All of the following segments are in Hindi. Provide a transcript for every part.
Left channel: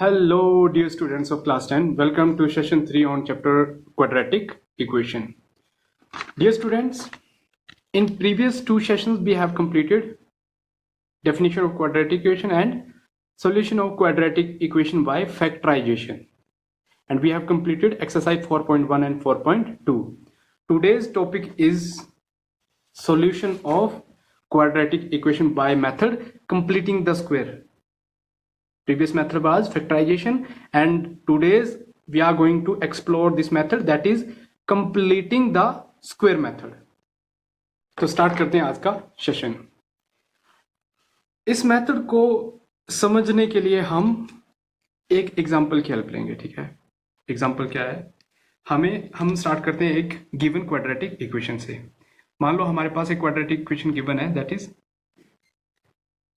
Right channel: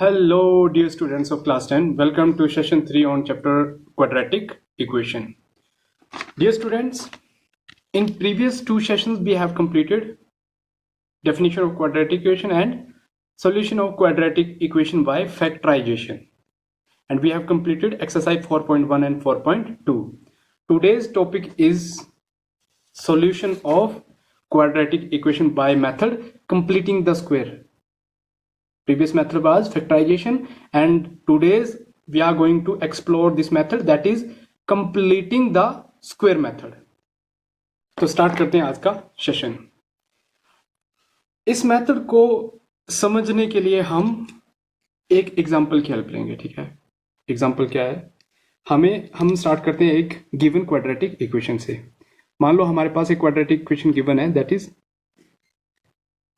Hello, dear students of class 10. Welcome to session 3 on chapter quadratic equation. Dear students, in previous two sessions we have completed definition of quadratic equation and solution of quadratic equation by factorization. And we have completed exercise 4.1 and 4.2. Today's topic is solution of quadratic equation by method completing the square. Previous method was factorization and today's we are going to explore this method, that is completing the square method. तो स्टार्ट करते हैं आज का सेशन। इस मेथड को समझने के लिए हम एक एग्जांपल की हेल्प लेंगे। ठीक है, एग्जांपल क्या है, हम स्टार्ट करते हैं एक गिवन क्वाड्रेटिक इक्वेशन से। मान लो हमारे पास एक क्वाड्रेटिक इक्वेशन गिवन है, that is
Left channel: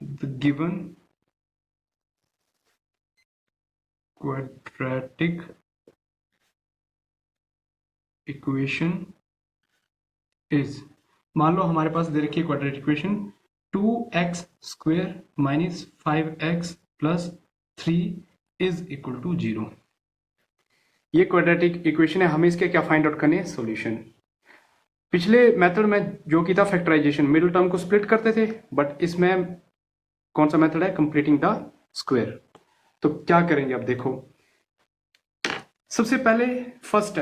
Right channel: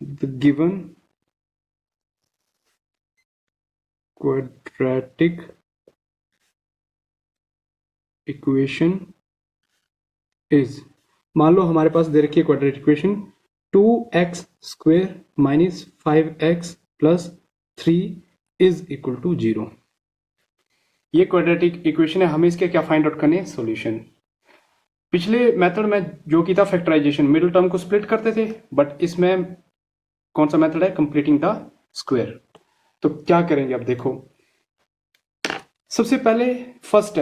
the given quadratic equation is, मान लो हमारे पास दे रखी है quadratic equation 2x square minus 5x plus 3 is equal to 0। ये क्वाड्रेटिक इक्वेशन है, हमें इसके क्या फाइंड आउट करने हैं, सॉल्यूशन। पिछले मेथड में जो की था फैक्टराइजेशन, मिडिल टर्म को स्प्लिट करते थे, बट इसमें कौन सा मेथड है, कंप्लीटिंग द स्क्वायर। तो क्या करेंगे, अब देखो सबसे पहले फर्स्ट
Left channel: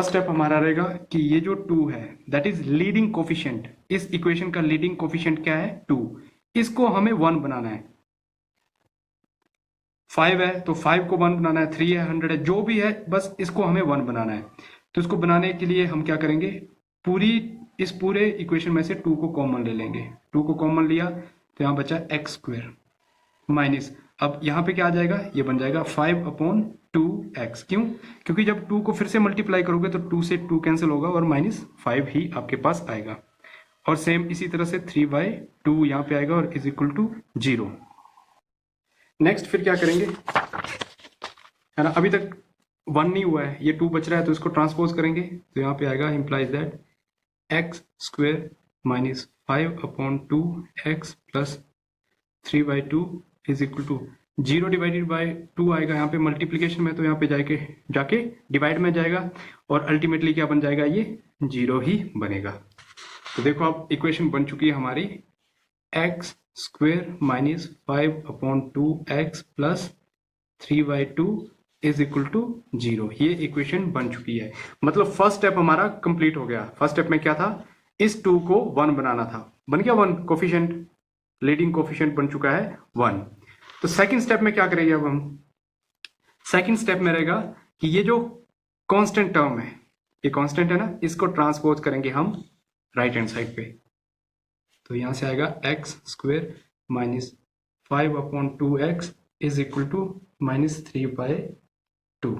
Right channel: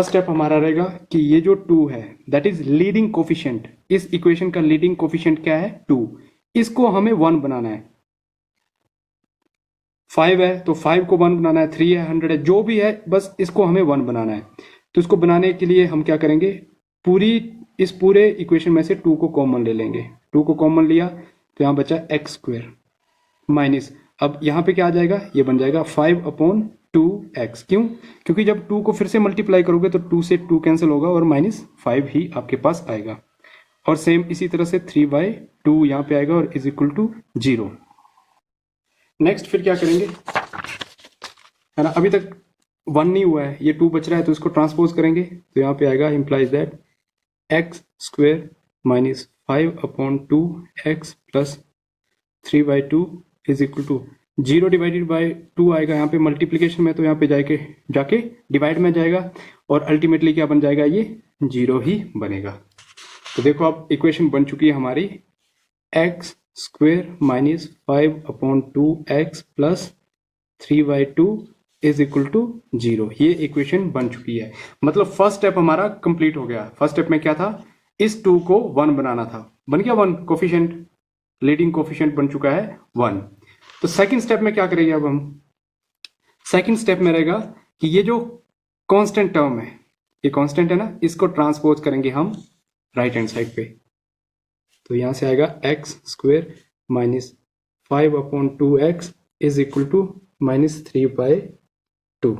स्टेप हमारा रहेगा कि ये जो 2 है दैट इज लीडिंग कोफिशिएंट, इस इक्वेशन का लीडिंग कोफिशिएंट क्या है, 2। इसको हमें 1 बनाना है। 5 है तो 5 को 1 बनाना है, 3 है, 100 है, जो भी है, बस इसको हमें 1 बनाना है। तो इसको बनाने के लिए हम क्या करेंगे, इस पूरे इक्वेशन में से 2 को कॉमन ले लेंगे। 2 को कॉमन लिया तो यहां बचा एक्स स्क्वायर माइनस, अब यहां पे क्या आ जाएगा, ये बन जाएगा 5/2x। क्यों, क्योंकि जब 2 को फिर से मल्टीप्लाई करोगे तो 2 से 2 कैंसिल होगा और -5 ही आपके पास आएगा। और सेम इसी तरह से 3/2 यहां पे आएगा और इज इक्वल टू 0। नेक्स्ट फिर क्या करेंगे, है ना, अभी तक 1 नहीं हुआ है, ये 2 बच रहा है, तो इसको ट्रांसपोज करेंगे तो यहाँ पे आएगा implies that x square minus 5/2x plus 3/2 is equal to 0 divided by 2 आएगा यहाँ पे मल्टीप्लीकेशन में, तो यहाँ पे जाके डिवाइड में जाएगा और अल्टीमेटली क्या बन जाएगा, ये 0 ही बनेगा। तो देखो अब इक्वेशन बन चुकी है हमारी, x square minus 5/2x plus 3/2 is equal to 0। ये इक्वेशन बन चुकी है, मतलब फर्स्ट स्टेप हमारा कंप्लीट हो गया। फर्स्ट स्टेप में क्या था, इस 2 को 1 बनाना था, बन गया 1, कोफिशिएंट लीडिंग कोफिशिएंट बन चुका है 1। तो सेकंड स्टेप में क्या करेंगे, अब हम सेकंड स्टेप में रहेगा कि ये जो कांस्टेंट टर्म है, ये कांस्टेंट है ना, इसको ट्रांसपोज करेंगे हम राइट हैंड साइड पे। तो यहां से आएगा x square minus 5/2x is equal to -3/2।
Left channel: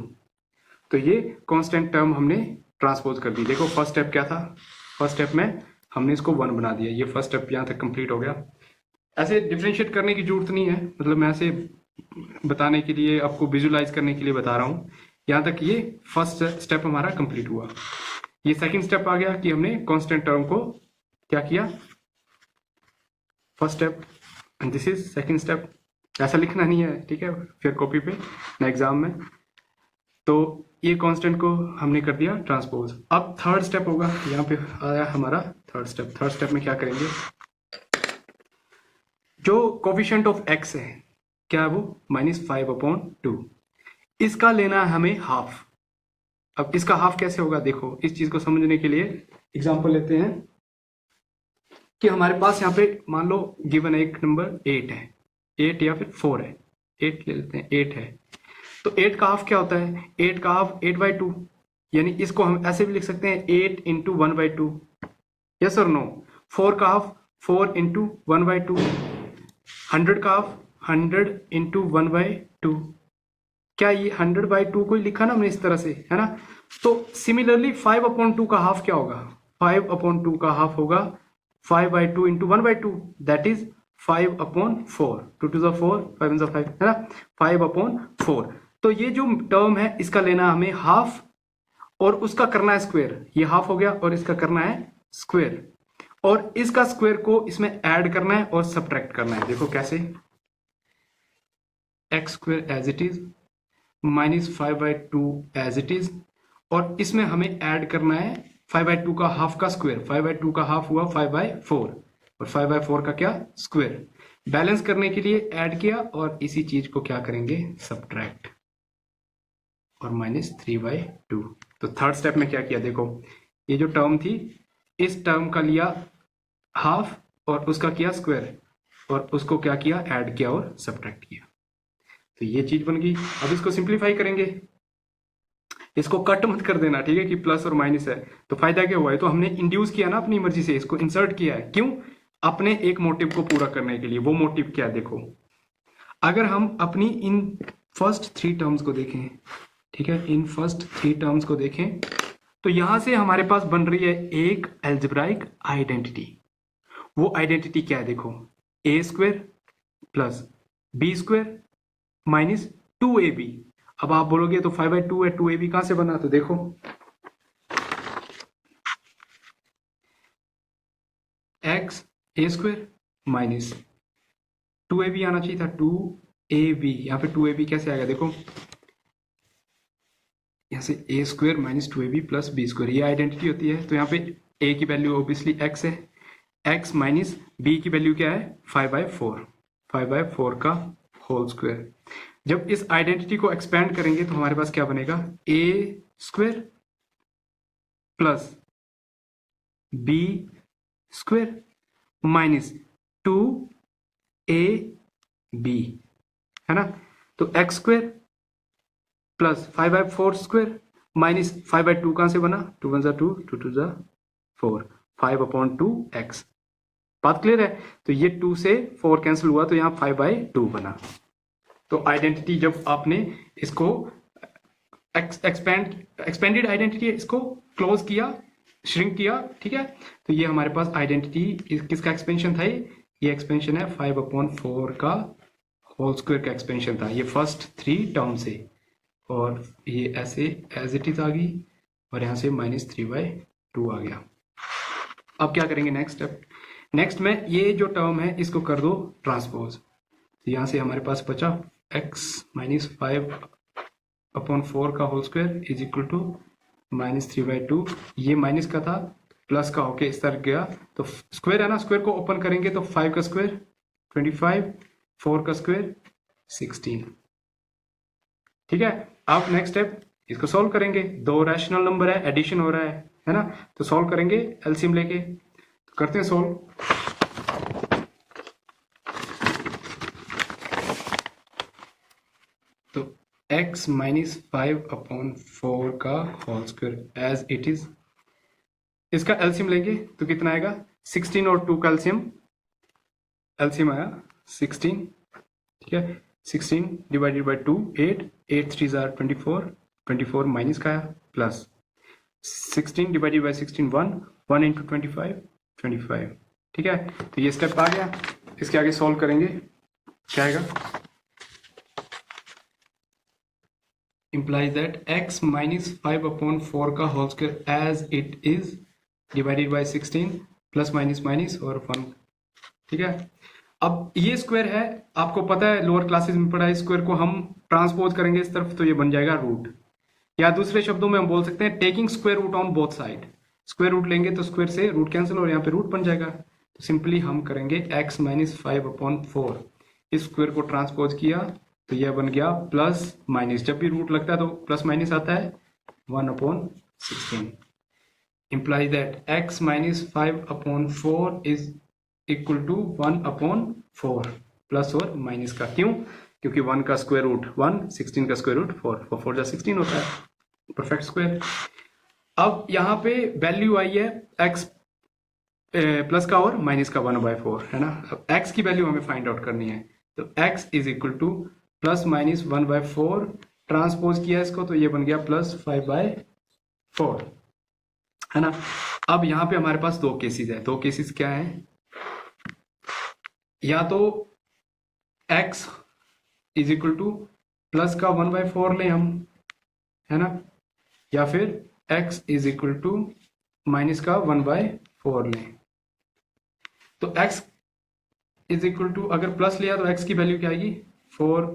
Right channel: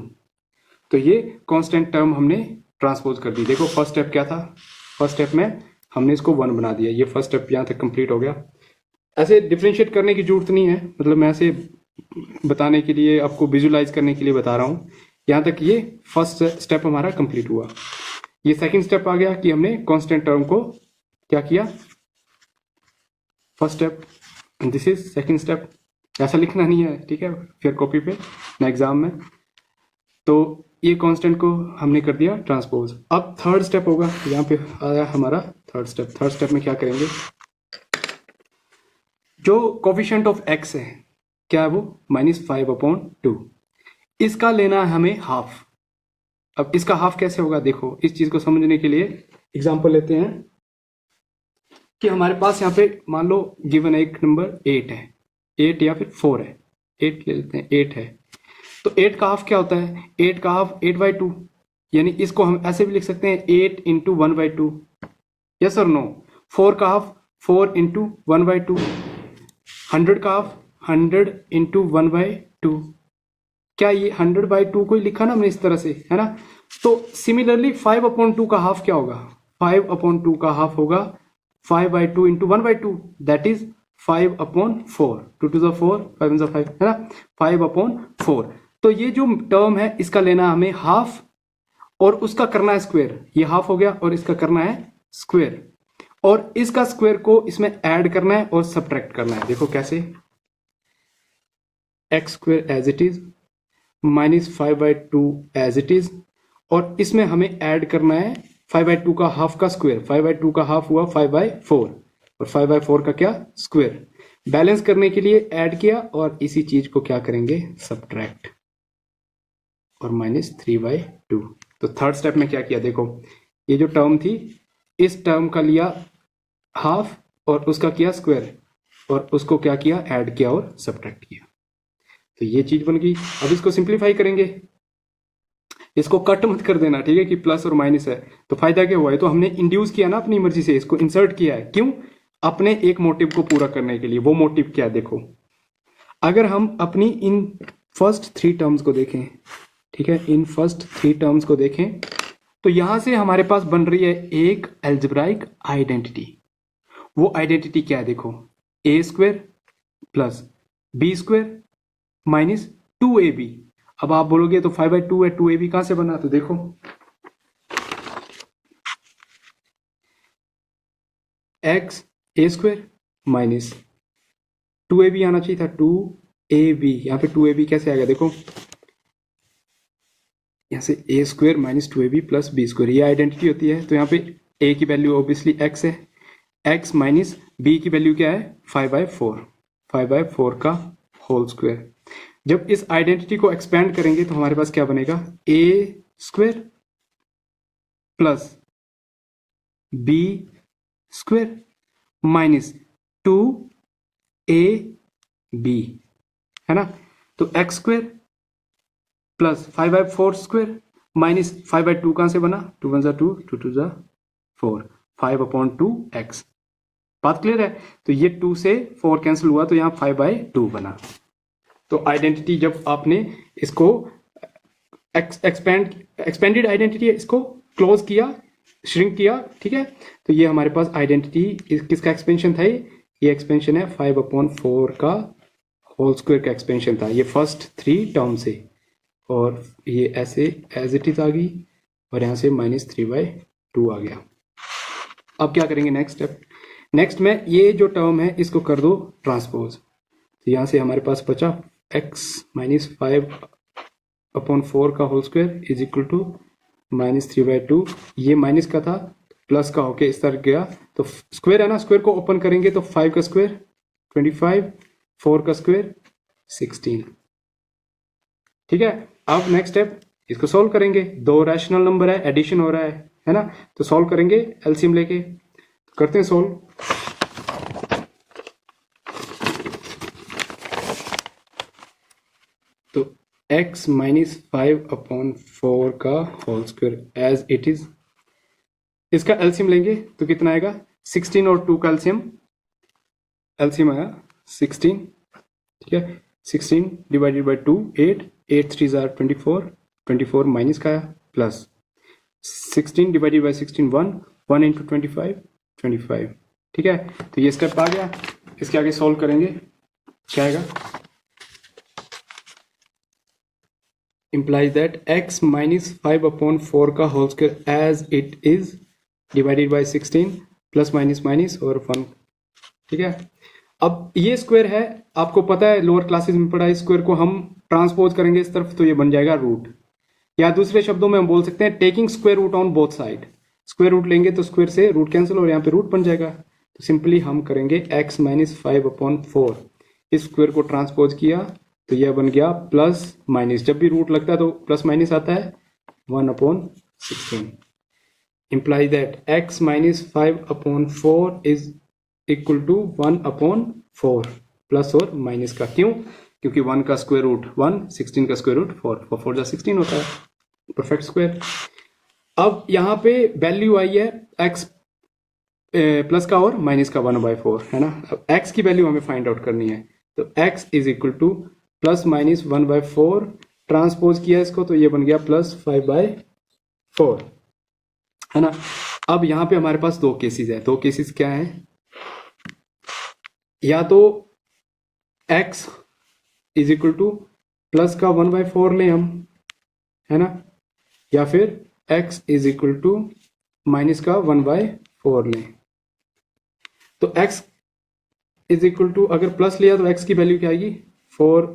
तो ये कांस्टेंट टर्म हमने ट्रांसपोज कर दी। देखो फर्स्ट स्टेप क्या था, फर्स्ट स्टेप में हमने इसको 1 बना दिया, ये फर्स्ट स्टेप यहां तक कंप्लीट हो गया। ऐसे डिफरेंशिएट करने की जरूरत नहीं है, मतलब मैं ऐसे बताने के लिए, आपको विजुलाइज करने के लिए बता रहा हूं। यहां तक ये फर्स्ट स्टेप हमारा कंप्लीट हुआ। ये सेकंड स्टेप आ गया कि हमने कांस्टेंट टर्म को क्या किया, first step, this is second step. ऐसा लिखना नहीं है, ठीक है, फिर कॉपी पे ना एग्जाम में। तो ये कांस्टेंट को हमने कर दिया ट्रांसपोज। अब थर्ड स्टेप होगा, यहाँ पे आया हमारा थर्ड स्टेप। थर्ड स्टेप में क्या करेंगे, जो कोफिशिएंट ऑफ x है क्या है वो -5/2, इसका लेना है हमें हाफ। अब इसका हाफ कैसे होगा, देखो इस चीज को समझने के लिए एग्जांपल लेते हैं कि हमारे पास यहाँ पे मान लो गिवन एक नंबर 8 है, 8 या फिर 4 है, 8 ले लेते हैं, 8 है। तो 8 का हाफ क्या होता है, 8 का हाफ 8/2, यानी इसको हम ऐसे भी लिख सकते हैं 8 × 1/2, यस और नो। 4 का हाफ 4 × 1/2, 100 का हाफ 100 × 1/2। क्या ये 100/2 को ही लिखा ना हमने इस तरह से, है ना। तो सिमिलरली 5/2 का हाफ क्या होगा, 5/2 का हाफ होगा 5/2 × 1/2, that is 5/4। 2 to the 4, 5 to the 5, है ना, 5/4। तो ये जो टर्म है इसका लेना हमें हाफ और उसका करना है स्क्वायर। ये हाफ हो गया और इसका करना है स्क्वायर, और इसका स्क्वायर को इसमें ऐड करना है और सब्ट्रैक्ट करना है। देखो कैसे, x square as it is minus 5/2 as it is, और इसमें हमें ऐड करना है 5/2 का हाफ का स्क्वायर। 5/2 का हाफ हुआ 5/4, और 5/4 का क्या स्क्वायर। बैलेंस करने के लिए ऐड किया, और इसी चीज को क्या करेंगे सब्ट्रैक्ट, और -3/2। तो थर्ड स्टेप में क्या किया, देखो ये जो टर्म थी इस टर्म का लिया हाफ और उसका किया स्क्वायर, और उसको क्या किया ऐड किया और सब्ट्रैक्ट किया, तो ये चीज बन गई। अब इसको सिंप्लीफाई करेंगे, इसको कट मत कर देना, ठीक है, कि प्लस और माइनस है। तो फायदा क्या हुआ है, तो हमने इंड्यूस किया ना अपनी मर्जी से, इसको इंसर्ट किया है, क्यों, अपने एक मोटिव को पूरा करने के लिए। वो मोटिव क्या है, देखो अगर हम अपनी इन फर्स्ट 3 टर्म्स को देखें, ठीक है, इन फर्स्ट 3 टर्म्स को देखें, तो यहां से हमारे पास बन रही है एक एल्जेब्राइक आइडेंटिटी। वो आइडेंटिटी क्या है, देखो A square plus B square minus 2ab। अब आप बोलोगे तो 5/2 है, 2ab कहां से बना, तो देखो एक्स ए स्क्वायर माइनस 2ab आना चाहिए था, 2ab, यहाँ पे 2ab कैसे आ गया, देखो यहाँ से A square minus 2ab plus B square, ये आइडेंटिटी होती है। तो यहाँ पे ए की वैल्यू ऑब्वियसली एक्स है, एक्स माइनस बी की वैल्यू क्या है 5/4, 5/4 का होल स्क्वायर। जब इस आइडेंटिटी को एक्सपेंड करेंगे तो हमारे पास क्या बनेगा, A square plus B square minus 2ab, है ना। तो X square plus 5/4 square minus 5/2 कहां से बना, 2 1 2 2 2 4, 5/2x। बात क्लियर है। तो ये 2 से 4 कैंसिल हुआ, तो यहाँ 5/2 बना। तो आइडेंटिटी जब आपने इसको एक्सपेंडेड आइडेंटिटी इसको क्लोज किया, श्रिंक किया, ठीक है, तो ये हमारे पास आइडेंटिटी किसका एक्सपेंशन था, ये एक्सपेंशन है 5/4 का होल स्क्वायर का एक्सपेंशन था, ये फर्स्ट 3 टर्म से, और ये ऐसे एज इट इज आ गई, और यहां से -3/2 आ गया। अब क्या करेंगे नेक्स्ट स्टेप, नेक्स्ट में ये जो टर्म है इसको कर दो ट्रांसपोज। तो यहां से हमारे पास बचा x माइनस 5/4 का whole square is equal to -3/2। ये माइनस का था, प्लस का होके इस तरह गया, तो स्क्वायर है ना, स्क्वायर को ओपन करेंगे तो 5 का स्क्वायर 25, 4 का स्क्वायर 16, ठीक है। अब नेक्स्ट स्टेप इसको सॉल्व करेंगे, 2 रैशनल नंबर है, एडिशन हो रहा है ना, तो सॉल्व करेंगे एलसीएम लेके, तो करते हैं सॉल्व। तो x माइनस 5/4 का whole square as it is, इसका एलसीएम लेंगे तो कितना आएगा, 16 और 2 का एलसीएम आया 16, ठीक है। 16 डिवाइडेड बाई 2 8, 8 3 आर 24, 24 माइनस का प्लस 16 डिवाइडेड बाई 16 1, 1 इंटू 25 25, ठीक है। तो ये स्टेप आ गया, इसके आगे सॉल्व करेंगे, क्या आएगा, implies that x minus 5/4 का whole square as it is divided by 16 plus minus minus और 1, ठीक है। अब ये स्क्वायर है, आपको पता है लोअर क्लासेस में पढ़ा है, स्क्वायर को हम ट्रांसपोज करेंगे इस तरफ तो ये बन जाएगा रूट, या दूसरे शब्दों में हम बोल सकते हैं taking square root on both side. Square root लेंगे तो स्क्वायर से रूट कैंसिल और यहाँ पे रूट बन जाएगा, तो सिंपली हम करेंगे x माइनस 5/4, इस स्क्वायर को ट्रांसपोज किया तो यह बन गया प्लस माइनस, जब भी रूट लगता है तो प्लस माइनस आता है, 1/16, imply that x minus 5/4 is equal to 1/4 plus और माइनस का, क्यों, क्योंकि 1 का स्क्वायर रूट 1, 16 का स्क्वायर रूट 4, 4 जा 16 होता है, परफेक्ट स्क्वायर। अब यहाँ पे वैल्यू आई है x प्लस का और माइनस का 1/4, है ना। अब x की वैल्यू हमें फाइंड आउट करनी है, तो x is equal to plus minus 1/4, transpose किया इसको तो ये बन गया प्लस 5/4, है ना। अब यहाँ पे हमारे पास 2 केसेस है, 2 केसेस क्या है, या तो x is equal to plus का 1/4 लें हम, है ना, या फिर x is equal to minus का 1/4 लें। तो x इज इक्वल टू अगर प्लस लिया तो x की वैल्यू क्या आएगी 4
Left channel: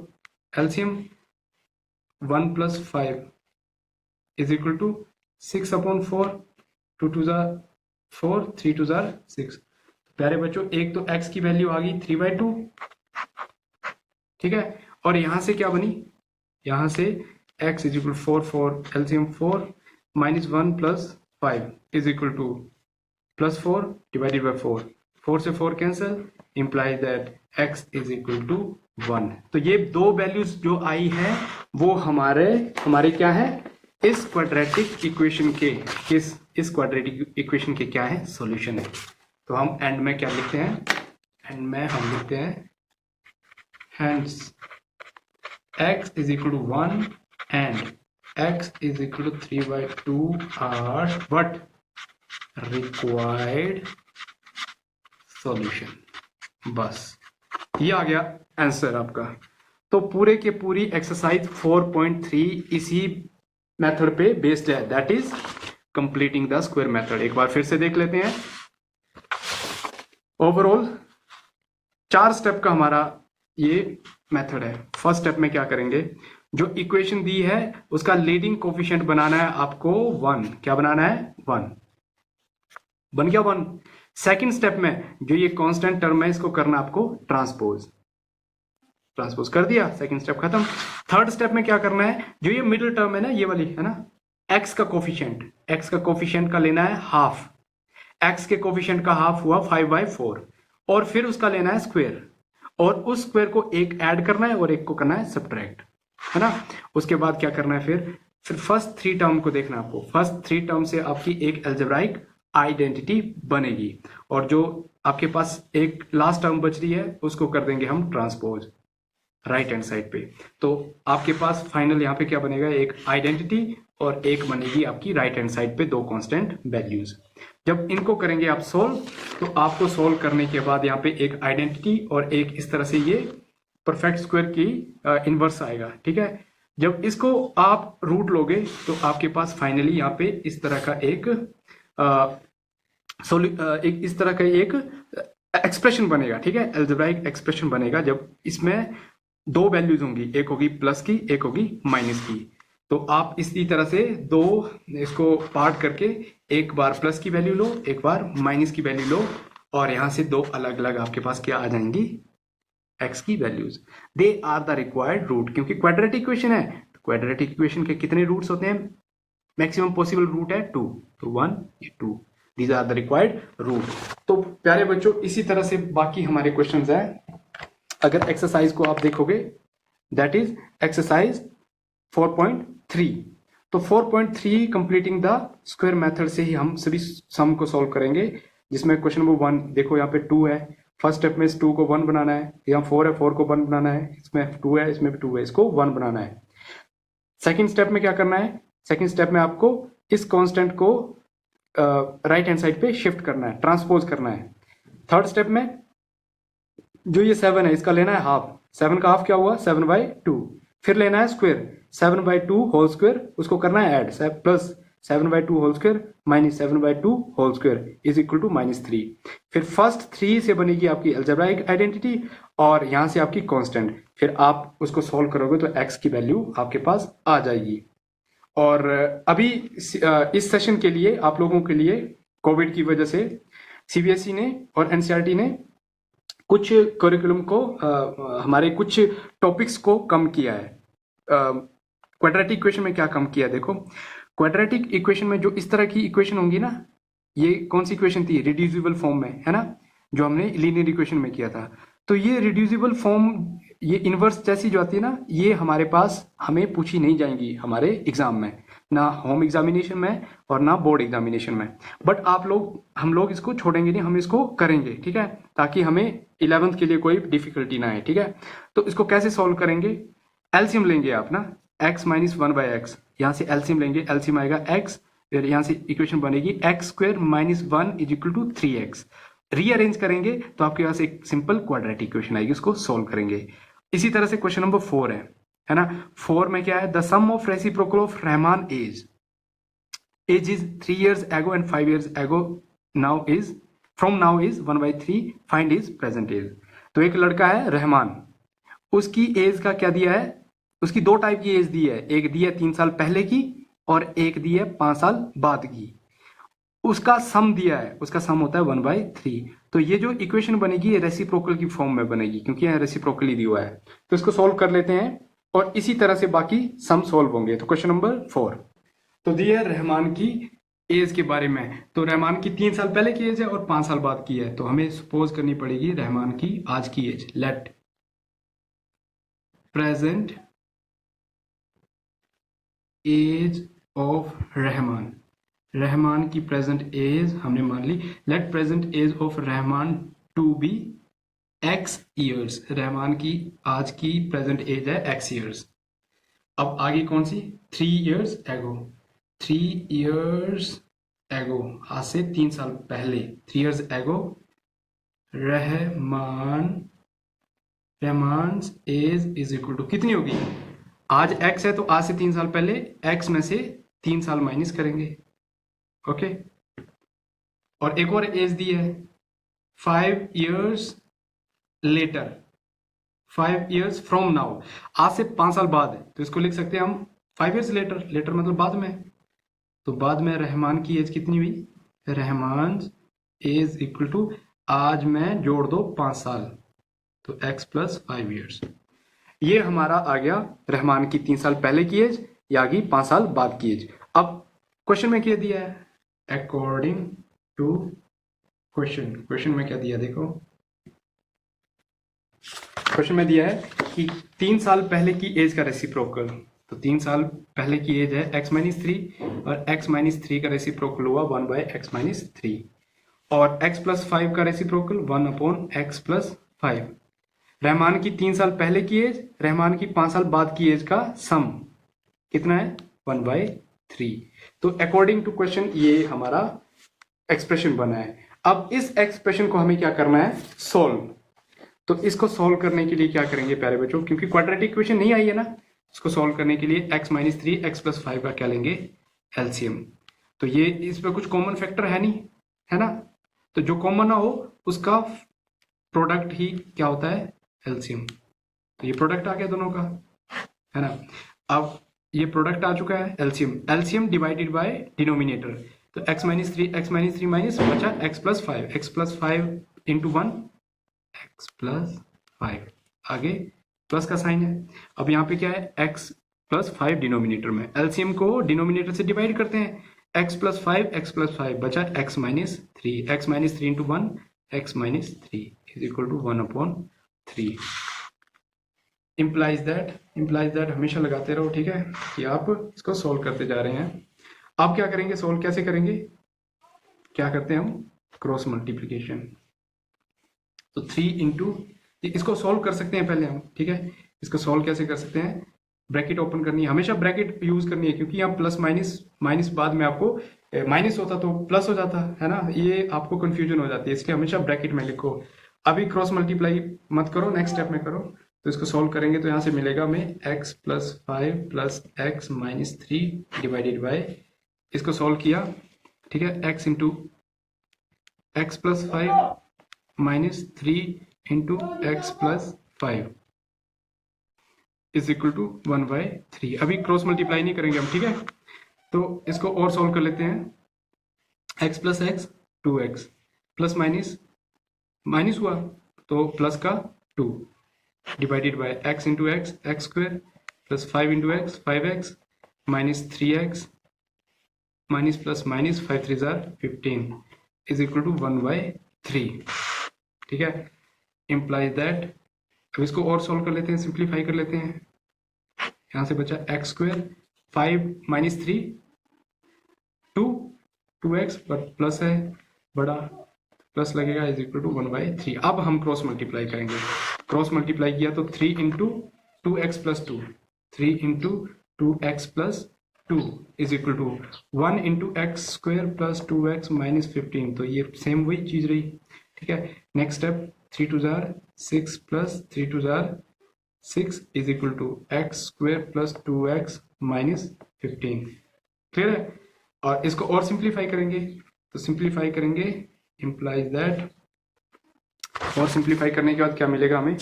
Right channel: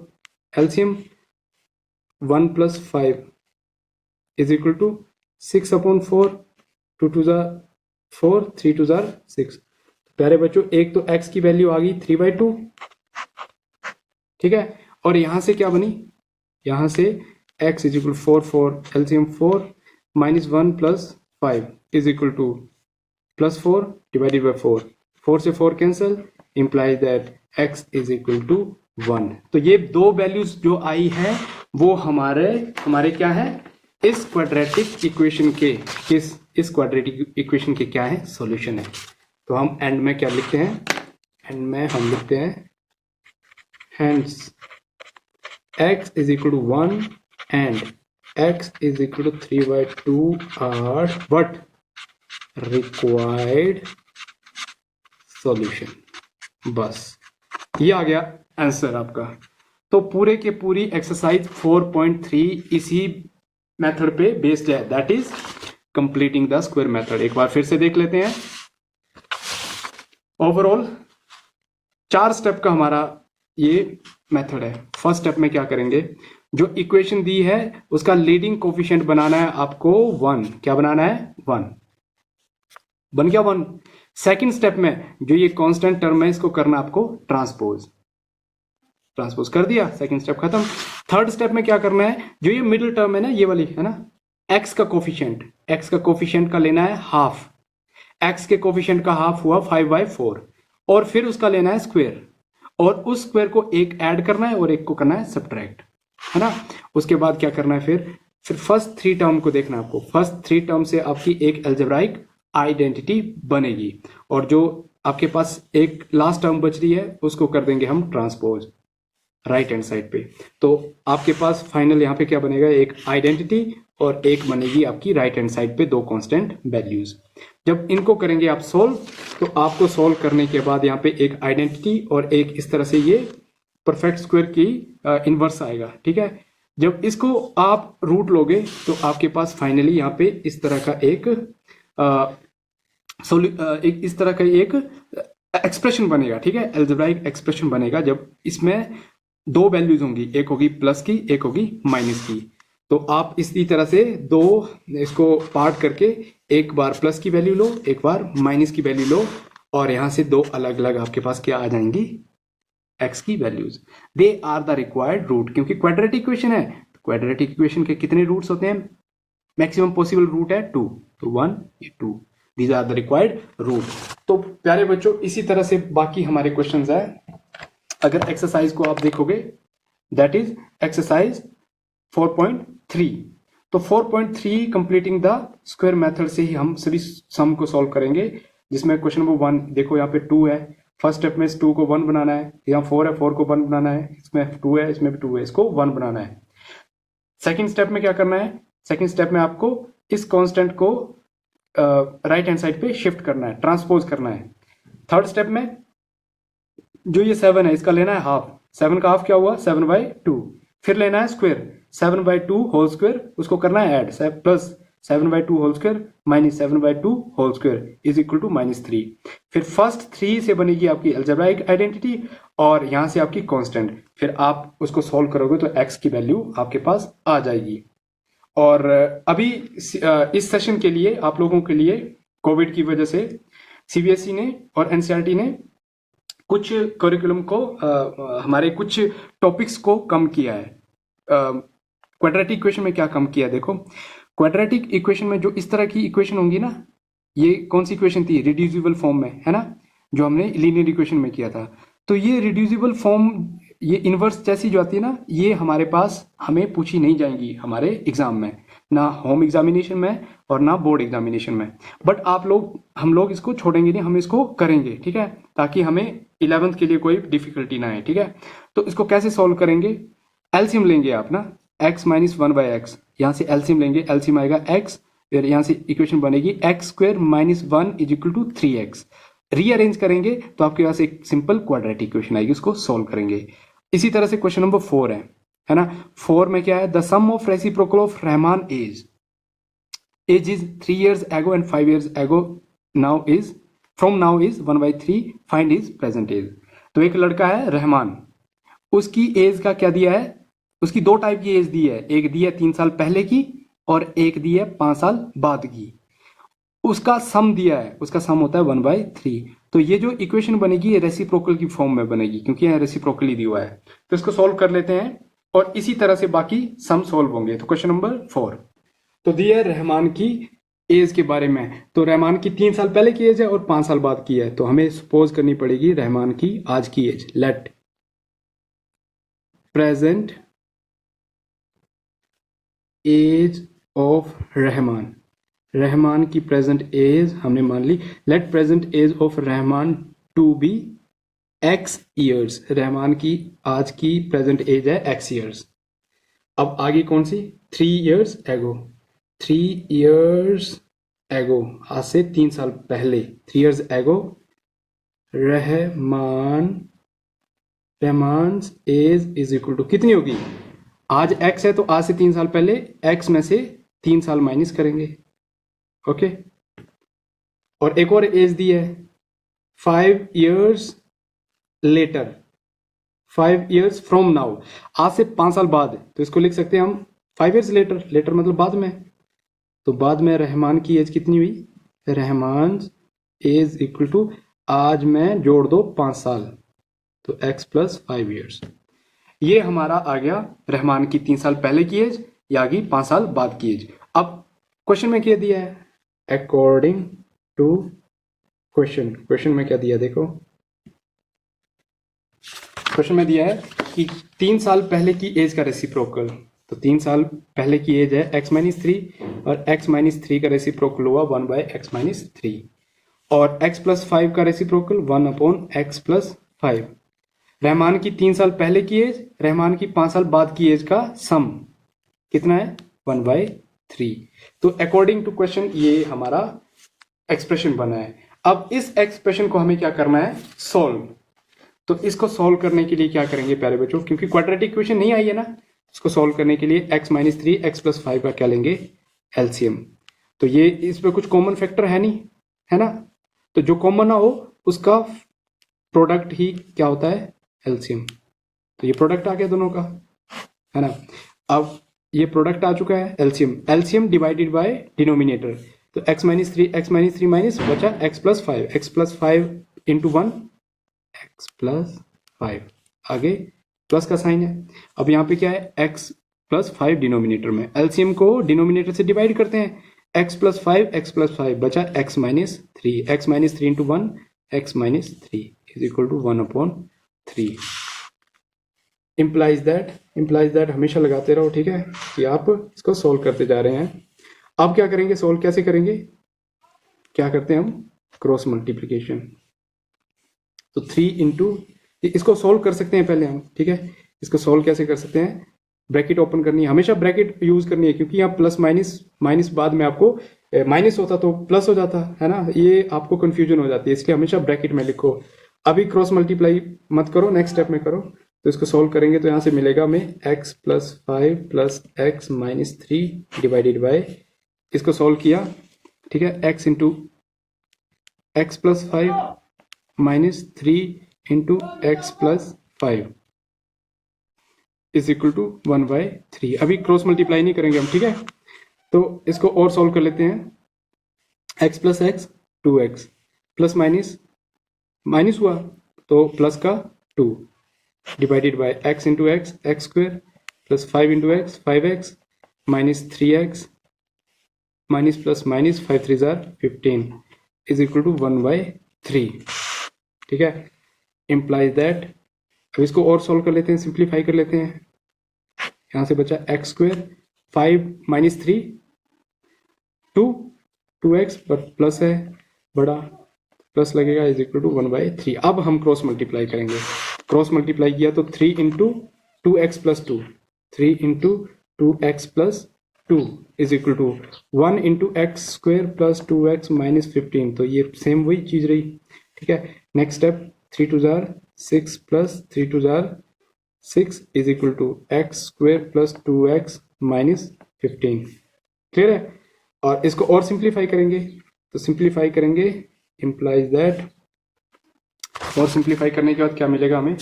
एलसीएम 1 + 5 = 6/4, 2 2 जार 4, 3 2 जार 6। प्यारे बच्चों, एक तो x की वैल्यू आ गई 3/2, ठीक है, और यहां से क्या बनी, यहां से x = 4 4, एलसीएम 4 - 1 + 5 = +4 / 4, 4 से 4 कैंसिल, इंप्लाइज दैट x = 1। तो ये दो वैल्यूज जो आई है वो हमारे क्या है, इस क्वाड्रेटिक इक्वेशन के इस क्वाड्रेटिक इक्वेशन के क्या है, सॉल्यूशन है। तो हम एंड में क्या लिखते हैं, एंड में हम लिखते हैं hence x = 1 and x = 3/2 are what required solution। बस ये आ गया आंसर आपका। तो पूरे के पूरी एक्सरसाइज 4.3 इसी मेथड पे बेस्ड है, that is completing the square method. एक बार फिर से देख लेते हैं। ओवरऑल 4 स्टेप का हमारा ये मेथड है। फर्स्ट स्टेप में क्या करेंगे, जो इक्वेशन दी है उसका लीडिंग कोफिशिएंट बनाना है आपको 1। क्या बनाना है, 1 बन गया 1। सेकंड स्टेप में जो ये कांस्टेंट टर्म है इसको करना आपको ट्रांसपोज कर दिया, सेकंड स्टेप खत्म। थर्ड स्टेप में क्या करना है, जो ये मिडिल टर्म है ना, ये वाली है ना, x का कोफिशिएंट का लेना है हाफ। x के कोफिशिएंट का हाफ हुआ 5/4, और फिर उसका लेना है स्क्वायर, और उस स्क्वायर को एक ऐड करना है और एक को करना है सब्ट्रैक्ट, है ना। उसके बाद क्या करना है, फिर फर्स्ट 3 टर्म को देखना है आपको। फर्स्ट 3 टर्म से आपकी एक अलजेब्राइक आइडेंटिटी बनेगी, और जो आपके पास एक लास्ट टर्म बच रही है उसको कर देंगे हम ट्रांसपोज राइट हैंड साइड पे। तो आपके पास फाइनल यहाँ पे क्या बनेगा, एक आइडेंटिटी और एक बनेगी आपकी राइट हैंड साइड पे 2 कांस्टेंट वैल्यूज। जब इनको करेंगे आप सोल्व, तो आपको सोल्व करने के बाद यहाँ पे एक आइडेंटिटी और एक इस तरह से ये परफेक्ट स्क्वायर की इनवर्स आएगा, ठीक है। जब इसको आप रूट लोगे तो आपके पास फाइनली यहाँ पे इस तरह का एक इस तरह का एक एक्सप्रेशन बनेगा, ठीक है, अलजेब्राइक एक्सप्रेशन बनेगा। जब इसमें 2 वैल्यूज होंगी, एक होगी प्लस की, एक होगी माइनस की। तो आप इसी तरह से 2 इसको पार्ट करके एक बार प्लस की वैल्यू लो, एक बार माइनस की वैल्यू लो, और यहां से 2 अलग अलग आपके पास क्या आ जाएंगी, x की values. They are the required root, क्योंकि क्वाड्रेटिक इक्वेशन है। क्वाड्रेटिक इक्वेशन के कितने रूट्स होते हैं, मैक्सिमम पॉसिबल रूट है 2, तो 1 2, these are the required root. तो प्यारे बच्चों, इसी तरह से बाकी हमारे क्वेश्चंस है। अगर एक्सरसाइज को आप देखोगे, दैट इज एक्सरसाइज 4.3। तो 4.3 कंप्लीटिंग द स्क्वायर मेथड से ही हम सभी सम को सॉल्व करेंगे, जिसमें क्वेश्चन नंबर 1 देखो, यहाँ पे 2 है। फर्स्ट स्टेप में इस 2 को 1 बनाना है, यहाँ 4 है, 4 को 1 बनाना है, इसमें 2 है, इसमें भी 2 है, इसको 1 बनाना है। सेकंड स्टेप में क्या करना है, सेकंड स्टेप में आपको इस कांस्टेंट को राइट हैंड साइड पे शिफ्ट करना है, ट्रांसपोज करना है। थर्ड स्टेप में जो ये 7 है इसका लेना है हाफ। 7 का हाफ क्या हुआ, 7/2। फिर लेना है स्क्वायर, 7/2 होल स्क्वायर, उसको करना है add, plus 7/2 whole square minus 7/2 whole square is equal to -3। फिर फर्स्ट 3 से बनेगी आपकी अलजेब्राइक आइडेंटिटी, और यहां से आपकी कांस्टेंट। फिर आप उसको सॉल्व करोगे तो x की वैल्यू आपके पास आ जाएगी। और अभी इस सेशन के लिए आप लोगों के लिए कोविड की वजह से सीबीएसई ने और एनसीईआरटी ने कुछ करिकुलम को हमारे कुछ टॉपिक्स को कम किया है। क्वाड्रेटिक इक्वेशन में क्या कम किया है, देखो क्वाड्रेटिक इक्वेशन में जो इस तरह की इक्वेशन होंगी ना, ये कौन सी इक्वेशन थी, रिड्यूसिबल फॉर्म में, है ना, जो हमने लीनियर इक्वेशन में किया था। तो ये रिड्यूसिबल फॉर्म, ये इनवर्स जैसी जो आती है ना, ये हमारे पास हमें पूछी नहीं जाएंगी हमारे एग्जाम में, ना होम एग्जामिनेशन में और ना बोर्ड एग्जामिनेशन में। बट हम लोग इसको छोड़ेंगे नहीं, हम इसको करेंगे, ठीक है, ताकि हमें 11th के लिए कोई डिफिकल्टी ना है, ठीक है। तो इसको कैसे सॉल्व करेंगे, एलसीएम लेंगे आप ना, x - 1/x, यहाँ से एलसीएम लेंगे, एलसीएम आएगा x, फिर यहाँ से इक्वेशन बनेगी x² - 1 = 3x। रीअरेंज करेंगे तो आपके पास एक सिंपल क्वाड्रेटिक इक्वेशन आएगी, उसको सॉल्व करेंगे। इसी तरह से क्वेश्चन नंबर 4 है ना। 4 में क्या है, the sum of reciprocal of Rahman age is 3 years ago and 5 years ago from now is 1/3, find his present age. तो एक लड़का है रहमान, उसकी एज का क्या दिया है उसकी दो टाइप की एज दी है, एक दी है 3 साल पहले की और एक दी है 5 साल बाद की। उसका सम दिया है, उसका सम होता है 1/3। तो ये जो इक्वेशन बनेगी ये रेसिप्रोकल की फॉर्म में बनेगी, क्योंकि यहाँ रेसिप्रोकली दिया हुआ है। तो इसको सॉल्व कर लेते हैं और इसी तरह से बाकी सम सॉल्व होंगे। तो क्वेश्चन नंबर 4 तो दिया है रहमान की एज के बारे में। तो रहमान की 3 साल पहले की एज है और 5 साल बाद की है, तो हमें सपोज करनी पड़ेगी रहमान की आज की age. Let present age of Rahman, Rahman की प्रेजेंट एज हमने मान ली। Let present age of Rahman to be X years, Rahman की आज की प्रेजेंट एज है एक्स ईयर्स। अब आगे कौन सी, 3 years एगो, 3 years एगो, आज से 3 साल पहले, 3 years ago Rahman age is equal to कितनी होगी, आज x है तो आज से 3 साल पहले x में से 3 साल माइनस करेंगे। ओके, और एक और एज दी है 5 years later, 5 years from now, आज से 5 साल बाद, तो इसको लिख सकते हैं हम 5 years लेटर, लेटर मतलब बाद में। तो बाद में रहमान की एज कितनी हुई, रहमान एज इक्वल टू आज में जोड़ दो 5 साल, तो x + 5 years। ये हमारा आ गया रहमान की 3 साल पहले की एज या की 5 साल बाद की एज। अब क्वेश्चन में क्या दिया है, अकॉर्डिंग टू क्वेश्चन, क्वेश्चन में क्या दिया देखो, क्वेश्चन में दिया है कि 3 साल पहले की एज का रेसिप्रोकल, तो 3 साल पहले की एज है x - 3 और x - 3 का रेसिप्रोकल हुआ 1/x - 3 और x + 5 का रेसिप्रोकल 1/x + 5। रहमान की 3 साल पहले की एज, रहमान की 5 साल बाद की एज का सम कितना है 1/3। तो अकॉर्डिंग टू क्वेश्चन ये हमारा एक्सप्रेशन बना है। अब इस एक्सप्रेशन को हमें क्या करना है, सोल्व। तो इसको सोल्व करने के लिए क्या करेंगे प्यारे बच्चों, क्योंकि क्वाड्रेटिक इक्वेशन नहीं आई है ना, इसको सोल्व करने के लिए x - 3 x + 5 का क्या लेंगे, एलसीएम। तो ये इसमें कुछ कॉमन फैक्टर है नहीं, है ना, तो जो कॉमन ना हो उसका प्रोडक्ट ही क्या होता है, एलसीएम। तो ये प्रोडक्ट आ गया दोनों का, है ना। अब ये प्रोडक्ट आ चुका है LCM, LCM divided by denominator, तो x - 3 माइनस बचा x + 5, x + 5 इंटू 1 x + 5, आगे प्लस का साइन है। अब यहाँ पे क्या है, x + 5 डिनोमिनेटर में, एलसीएम को डिनोमिनेटर से डिवाइड करते हैं, x + 5 बचा x - 3, x - 3 into 1 x - 3 is equal to 1/3। Implies that हमेशा लगाते रहो, ठीक है, कि आप इसको सोल्व करते जा रहे हैं। अब क्या करेंगे, सोल्व कैसे करेंगे, क्या करते हैं हम, क्रॉस मल्टीप्लीकेशन। तो 3 इंटू, इसको सोल्व कर सकते हैं पहले हम, ठीक है, इसको सोल्व कैसे कर सकते हैं, ब्रैकेट ओपन करनी है, हमेशा ब्रैकेट यूज करनी है, क्योंकि यहाँ प्लस माइनस बाद में आपको माइनस होता तो प्लस हो जाता है ना, ये आपको कंफ्यूजन हो जाती है, इसलिए हमेशा ब्रैकेट में लिखो। अभी क्रॉस मल्टीप्लाई मत करो, नेक्स्ट स्टेप में करो। तो इसको सोल्व करेंगे तो यहाँ से मिलेगा हमें x + 5 + x - 3 डिवाइडेड बाय, इसको सोल्व किया, ठीक है, x + 5 - 3 into x + 5 is equal to 1/3। अभी क्रॉस मल्टीप्लाई नहीं करेंगे हम, ठीक है, तो इसको और सॉल्व कर लेते हैं, x + x 2x plus minus हुआ तो प्लस का 2 divided by x into x square plus 5 into x 5x minus 3x minus plus minus 5 3 15 is equal to 1/3, ठीक है। इम्प्लाइज दैट, अब इसको और सॉल्व कर लेते हैं, सिंप्लीफाई कर लेते हैं, यहां से बचा x square 5 - 3 2x but plus है बड़ा, प्लस लगेगा इज इक्वल टू 1/3। अब हम क्रॉस मल्टीप्लाई करेंगे, क्रॉस मल्टीप्लाई किया तो 3 into 2x + 2, 3 into 2x + 2 is equal to 1 into x square plus 2x minus 15, तो ये सेम वही चीज रही, ठीक है। Next step 3 2 6 plus 3 2 6 is equal to x square plus 2x minus 15, clear है। और इसको और सिंप्लीफाई करेंगे, तो सिंप्लीफाई करेंगे इम्प्लाइज दैट, और सिंप्लीफाई करने के बाद क्या मिलेगा हमें,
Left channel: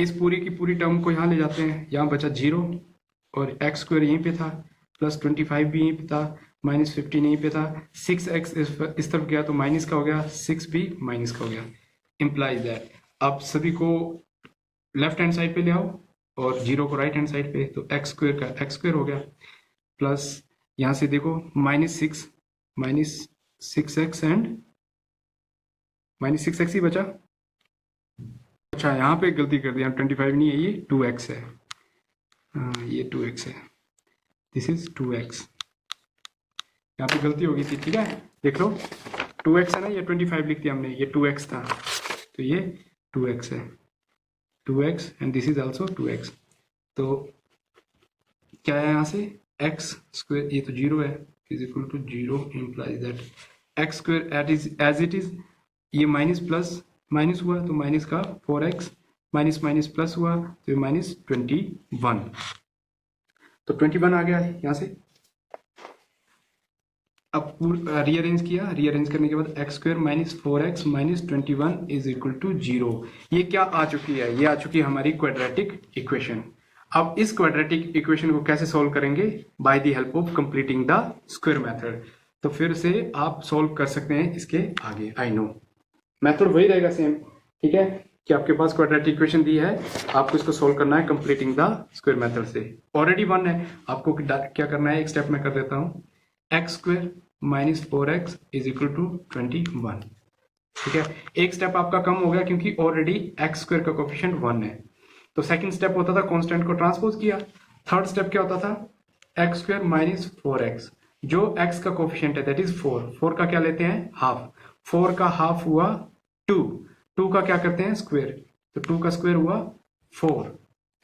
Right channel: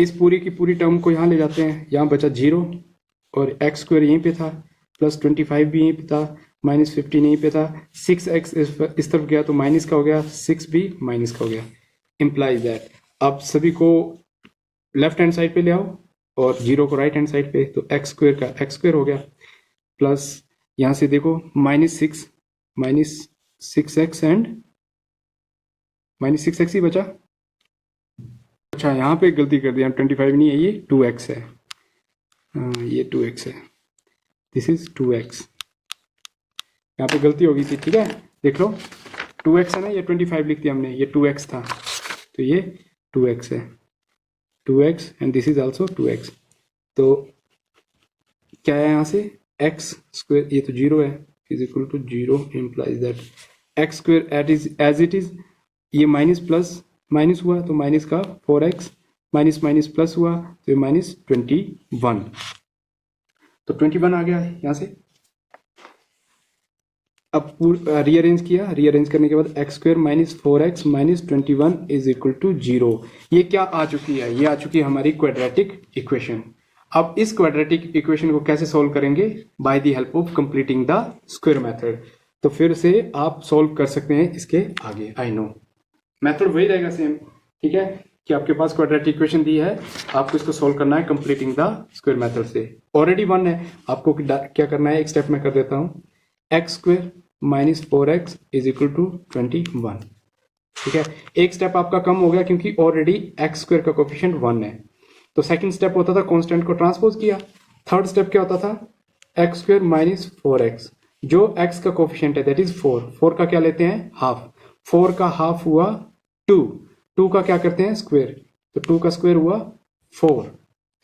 इस पूरी की पूरी टर्म को यहाँ ले जाते हैं, यहाँ बचा 0 और एक्स स्क्वायर यहीं पे था, प्लस 25 भी यहीं पे था, माइनस 15 यहीं पे था, 6x इस तरफ गया तो माइनस का हो गया, 6 भी माइनस का हो गया। इम्प्लाइज दैट अब सभी को लेफ्ट हैंड साइड पे ले आओ और 0 को राइट हैंड साइड पे, तो एक्स स्क्वायर का एक्स स्क्वायर हो गया, प्लस यहाँ से देखो minus 6x and minus 6x ही बचा। अच्छा यहाँ पे गलती कर दिया, 25 नहीं है, ये 2x है, ये 2x है, दिस इज 2x, यहाँ पे गलती हो गई थी, ठीक है देख लो 2x है ना, ये 25 लिख दिया हमने, ये 2x था, तो ये 2x है, 2x and this is also 2x। तो क्या है यहाँ से एक्स स्क्वायर, ये तो 0 है, is equal to 0 implies that x square as it is, ये माइनस प्लस माइनस हुआ तो माइनस का 4x, माइनस माइनस प्लस हुआ तो ये माइनस 21, तो 21 आ गया है यहाँ से। अब रीअरेंज किया, रीअरेंज करने के बाद x square minus 4x minus 21 is equal to 0, ये क्या आ चुकी है, ये आ चुकी है हमारी क्वाड्रेटिक इक्वेशन। अब इस क्वाड्रेटिक इक्वेशन को कैसे सोल्व करेंगे, bye the help of completing the square method. तो फिर से आप सोल्व कर सकते हैं इसके आगे, आई नो मेथड वही रहेगा सेम, ठीक है, कि आपके पास क्वाड्रेटिक इक्वेशन दी है, आपको इसको सोल्व करना है कंप्लीटिंग द स्क्वायर मेथड से। ऑलरेडी 1 है, आपको क्या करना है, एक स्टेप में कर देता हूँ, x square minus 4x is equal to 21, ठीक है, एक स्टेप आपका कम हो गया क्योंकि ऑलरेडी एक्स स्क्वायर का कोफिशिएंट 1 है। तो सेकंड स्टेप होता था कांस्टेंट को ट्रांसपोज किया, थर्ड स्टेप क्या होता था, एक्स स्क्वायर माइनस 4x, जो x का कोफिशिएंट है दैट इज 4 का क्या लेते हैं हाफ, 4 का हाफ हुआ 2 का क्या करते हैं स्क्वायर, तो 2 का स्क्वायर हुआ 4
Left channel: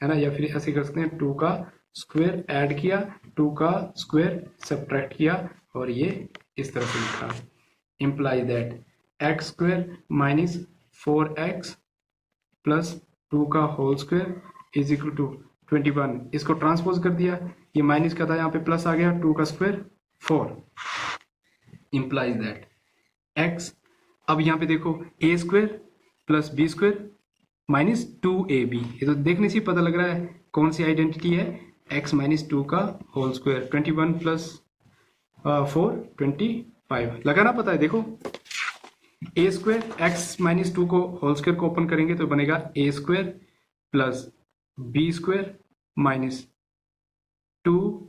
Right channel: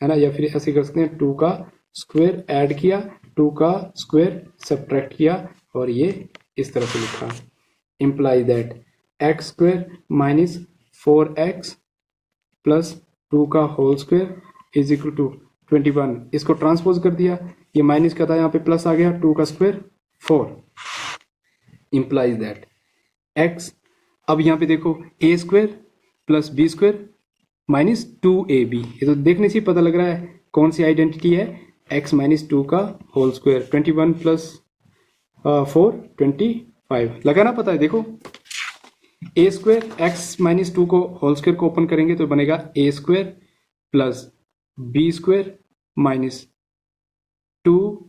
है ना, या फिर ऐसे कर सकते हैं 2 का स्क्वायर ऐड किया, 2 का स्क्वायर सब्ट्रैक्ट किया और ये इस तरह से लिखा, imply that x square minus 4x plus 2 का whole square is equal to 21, इसको ट्रांसपोज कर दिया, ये माइनस का था यहाँ पे प्लस आ गया, 2 का स्क्वायर 4 इम्प्लाइज दैट एक्स, अब यहाँ पे देखो A square plus B square minus 2ab, ये तो देखने से पता लग रहा है कौन सी आइडेंटिटी है, x माइनस 2 का होल स्क्वायर, 21 प्लस 4 25 लगाना पता है, देखो ए स्क्वायर एक्स माइनस 2 को होल स्क्वायर को ओपन करेंगे तो बनेगा A square plus B square minus 2ab,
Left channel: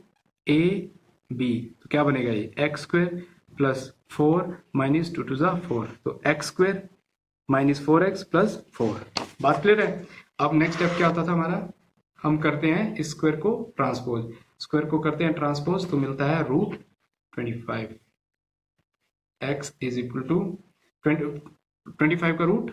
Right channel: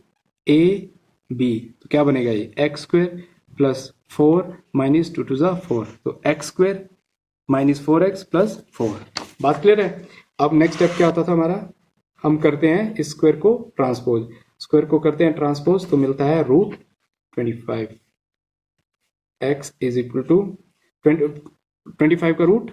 तो क्या बनेगा ये एक्स स्क्वायर प्लस 4 माइनस 2 टू ज़ा 4, तो X square minus 4x plus 4, बात क्लियर है। अब नेक्स्ट स्टेप क्या आता था हमारा, हम करते हैं इस स्क्वायर को ट्रांसपोज, स्क्वायर को करते हैं ट्रांसपोज तो मिलता है root 25, x is equal to 25 का रूट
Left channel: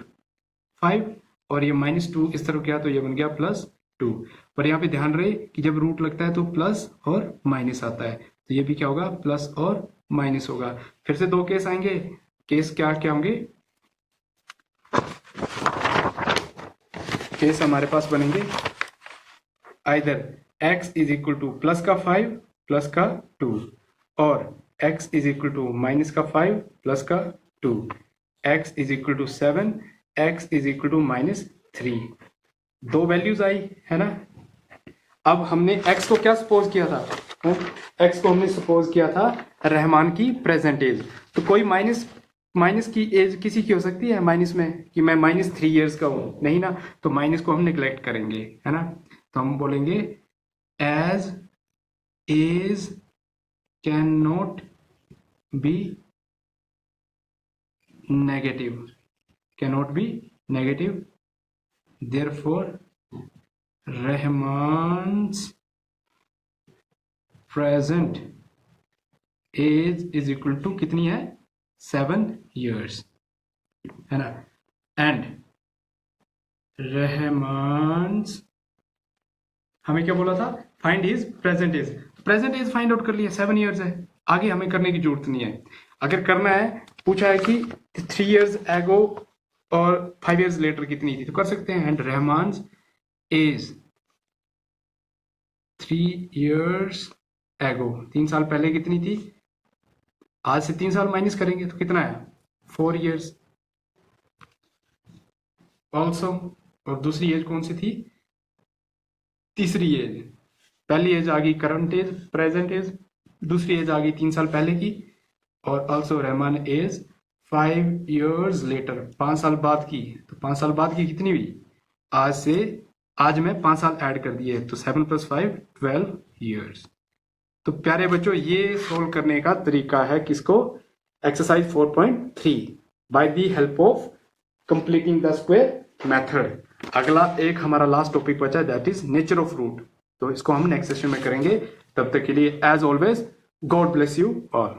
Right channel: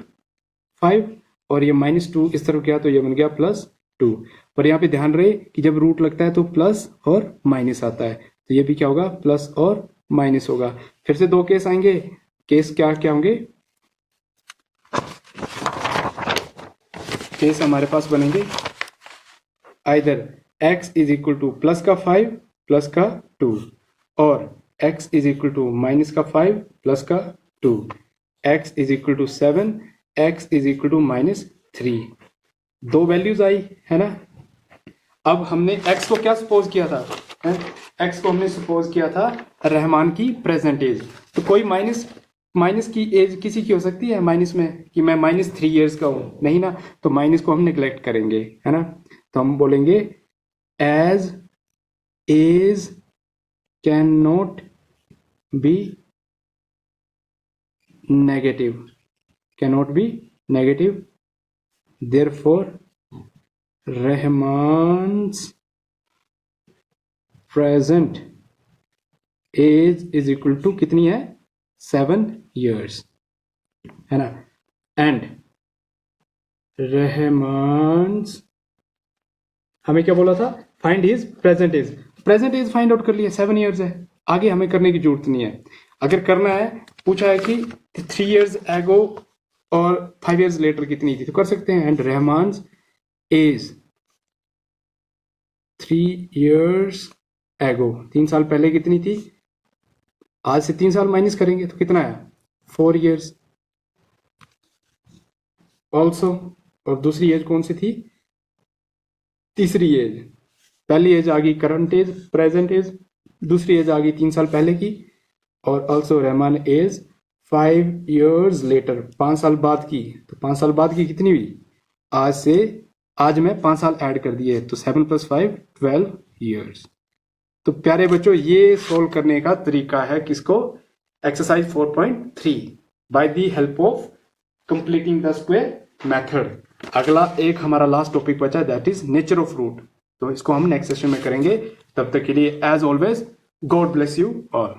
5 और ये माइनस 2 इस तरफ गया तो ये बन गया प्लस 2, पर यहाँ पे ध्यान रहे कि जब रूट लगता है तो प्लस और माइनस आता है, तो ये भी क्या होगा प्लस और माइनस होगा। फिर से दो केस आएंगे, केस क्या क्या होंगे, केस हमारे पास बनेंगे either x is equal to plus का 5 प्लस का 2 और x is equal to minus का 5 प्लस का 2, x is equal to 7, x is equal to minus 3, दो वैल्यूज आई है ना। अब हमने x को क्या सपोज किया था, x को हमने सपोज किया था रहमान की प्रेजेंट एज, तो कोई माइनस की एज किसी की हो सकती है माइनस में, कि मैं माइनस 3 ईयर्स का हूं, नहीं ना, तो माइनस को हम निगलेक्ट करेंगे है ना, तो हम बोलेंगे age age can not be negative, cannot be negative, therefore Rahman's present age is equal to कितनी है 7 years है ना, एंड रहमान्स, हमें क्या बोला था find his present age, present age find out कर लिया 7 years है, आगे हमें करने की जरूरत नहीं है। अगर करना है, पूछा है कि 3 years एगो और 5 years लेटर कितनी थी तो कर सकते हैं, एंड रहमान्स एज 3 years एगो, 3 साल पहले कितनी थी, आज से 3 साल माइनस करेंगे तो कितना आया 4 years, ऑल्सो और दूसरी एज कौन सी थी? तीसरी एज। पहली एज आ गई करंट एज, प्रेजेंट एज, दूसरी एज आ गई 3 साल पहले की, और also Rahman age 5 years later, 5 साल बाद की। तो 5 साल बाद की कितनी हुई? आज से, आज में 5 साल ऐड कर दिए, तो 7 + 5 12 years। तो प्यारे बच्चों, ये सोल्व करने का तरीका है किसको? Exercise 4.3 by the help of completing the square method. अगला एक हमारा लास्ट टॉपिक बचा है, that is nature of root. तो इसको हम नेक्स्ट सेशन में करेंगे। तब तक के लिए as always, god bless you all.